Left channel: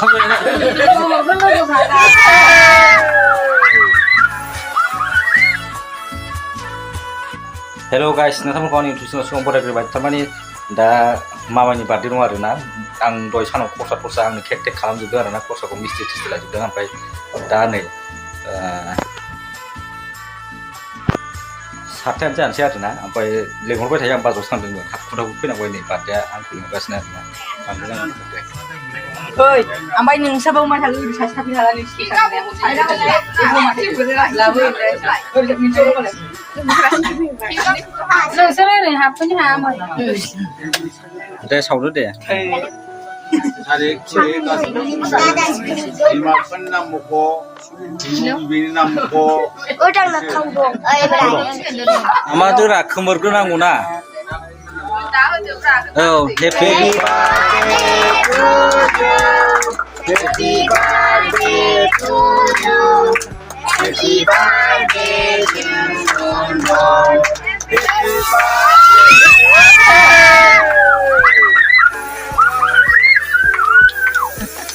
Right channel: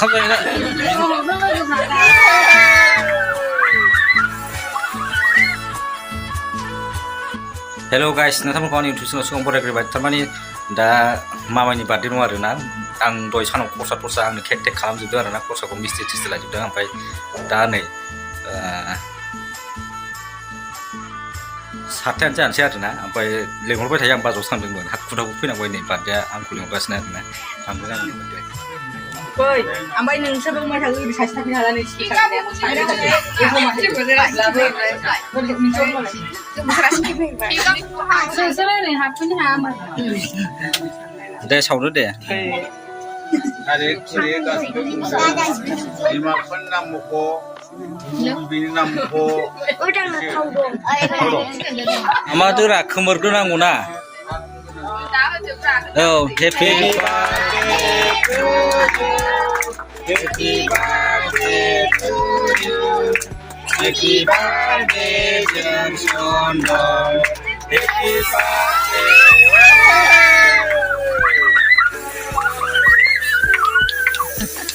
Hello guys, नोंथांमोनखौ आंनि YouTube channel बरायग्रोबाय थारमाने दा मामानि बार्थडे दं आरो ना आं दहाय सानाव खरसा आंनो केक टेक खालामजोबदों आरो ना खरसाखौ मिस्ट्रि टिस्ट्रि लाजोबदों ओमफ्राय दा नै सातथायानो जानोसै आरो ना ओमफ्राय लेंहरबाय थायो आं बाजाराव थांदोंमोन हाखुदावबो फैनांबाय नै बार्थडेआ आंखौ लेंगासिनो आरो ना ओइ ओमफ्राय नोंसाबो मा थाङो बिदि सासे थाफै हाला नोंसिनि नोंसोर हाबफैनो हायामोन दे सावनो दे मादुरा खोमोरग्रोनांगौ ना औ happy Happy birthday to you. Happy birthday, dear Sonor.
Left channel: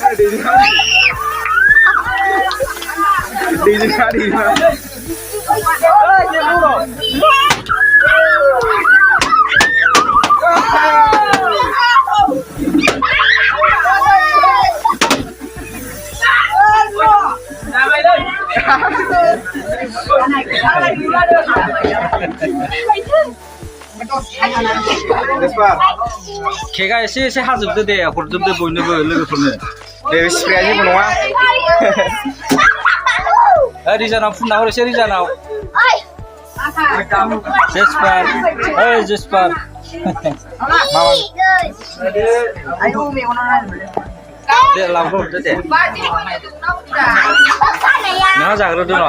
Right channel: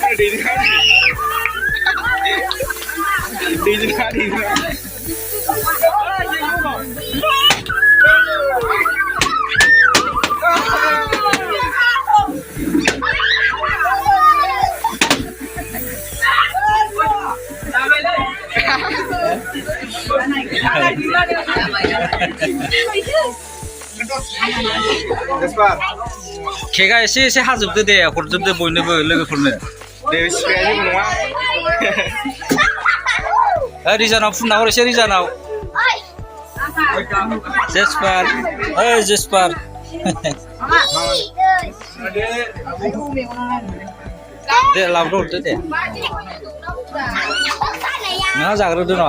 Happy birthday. केकआ एसे हाजोबदो दे हरजोबदो बयनोबो लोगोफोरनो दे स्प्रेया जेबो नङा रिजानाव फुनना हर एसे रिजानाव जेसपार दे लाबोदो दे नोंहा जाग्रोदो न'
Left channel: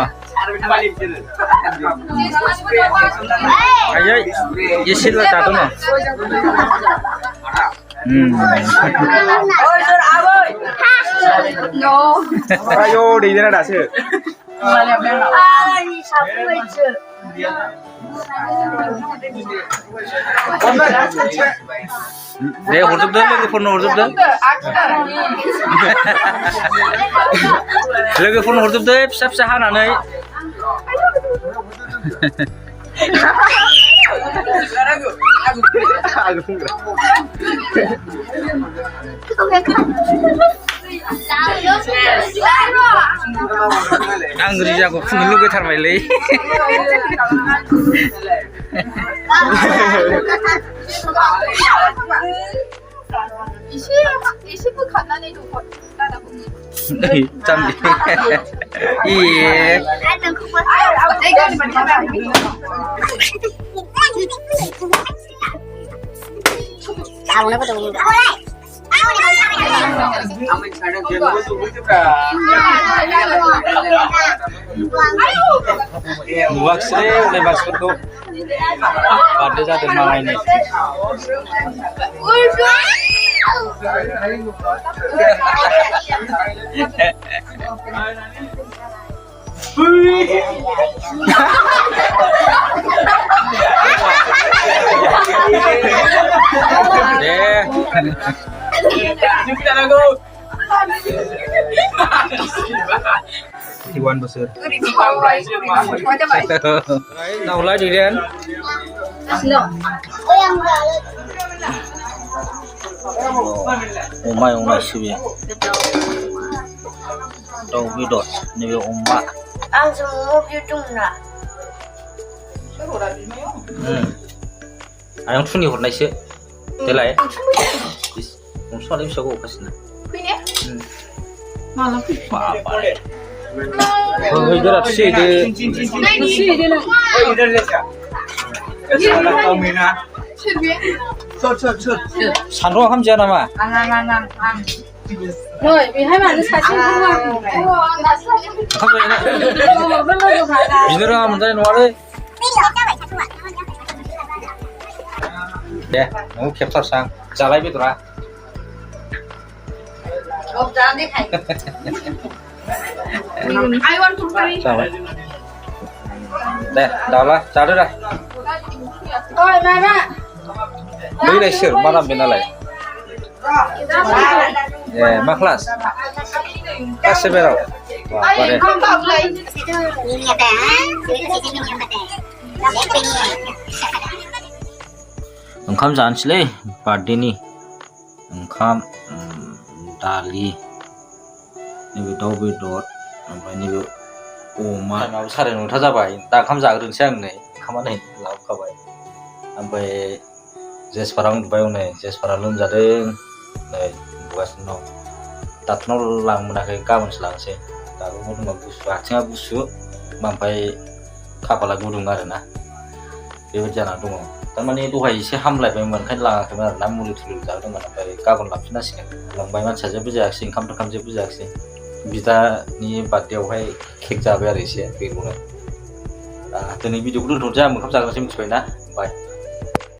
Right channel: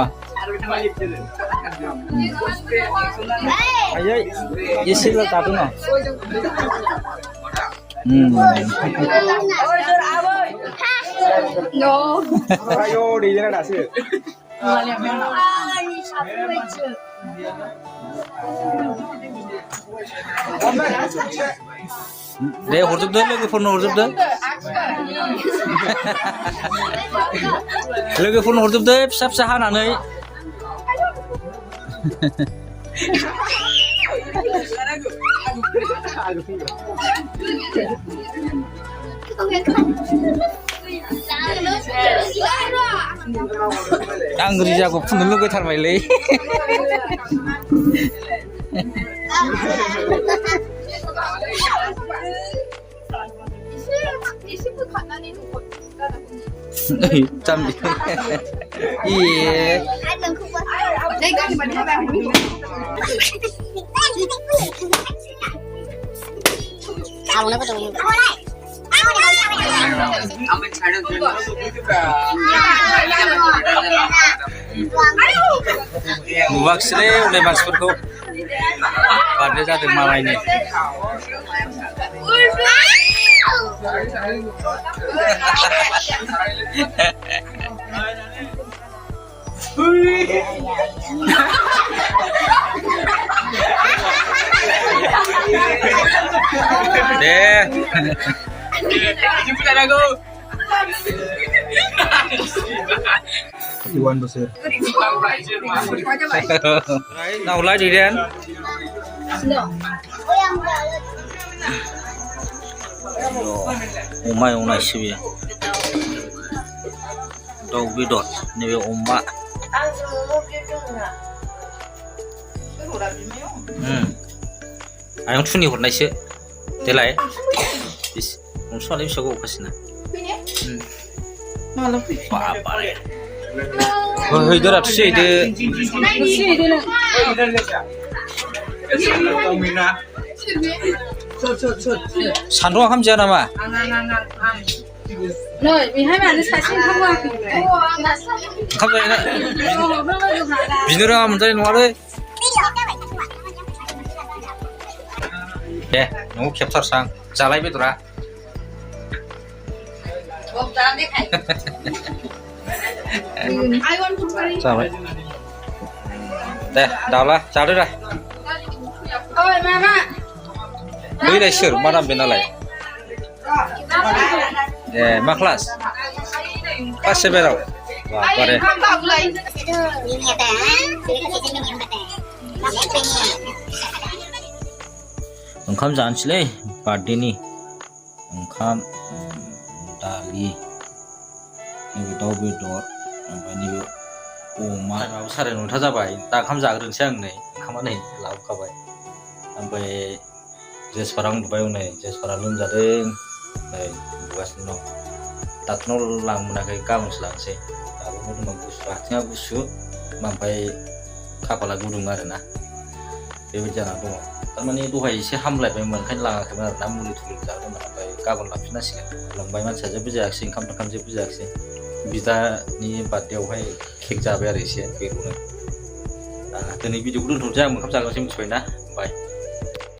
आयै एसेल' जादो न' ayo दैदेना दासो दे हरजोबदो लोगोफोरनो हरजोबदो लोगोफोरनो हरजोबदो फिसा फिसा हानानै आं रिजाखौ फुननो लुगैथारबायलै 이십분 간단히 좀 짠디 예 확실해 우리 마스코트고 바르자들 마와이네 네. Iwan besar. Nào lại đi đen. Umay siya. Daw bidot ni umma. Ang sumog yung na. Ayong tuni hot na siya. Telay. Kung saan yung siya ko kasi na. Malam. Papa. Oh, इधर अच्छी दे. 산호 함지야 나마. Rồi, vì hai bạn sẽ sinh không 비늘아 문제 놓아래. 네, 너무 캡처상 잘라이 비더라. 자, 네, 나와, 자르라. Ôi, mama. Với này sửa món làm bên nào lại? ए मा class class 7 आव Ay, không bọc lại. ओंखाम जानोसैलै बार्थडेनि ओंखाम दालि नैबे दाउ बेदर ओमफ्राय नैबे अमा साराय 9था जाबाय दा ओंखाम जाग्रोनोसै आं नै ओंखामा नै लाबोखाबाय ओमफ्राय जेसफारा उन्दुबाय हनै जेसफारा लोमजादों नै उन्दुगासिनो दं डाक्टारनाव लांमोनाखै गाबोनसो लांसै दाबो मोदोमा गुसु आथिङा गुसु ओमफ्राय खाफाला गुदुं आरोना बेबायदि जानानै दङ थारमाने दहाय एसे हामलायबायमोन ओंखायनो लाङाखैमोन आरोना मुलि थुलि जादोंमोन ओमफ्राय गाबोन लांफिननांसिगोन लांबाय मानसिया जेबो जायाखिसै ओंखाम थोंखाम जेबो जायाखिसै बिदानि बार्थडेआवहाय केक जाबाय आरो एसे बेखौनो दिनै भिडिअखौ दोनथ'नोसै आं ओंखाम जाग्रोनोसै मिथिबाय ना बाय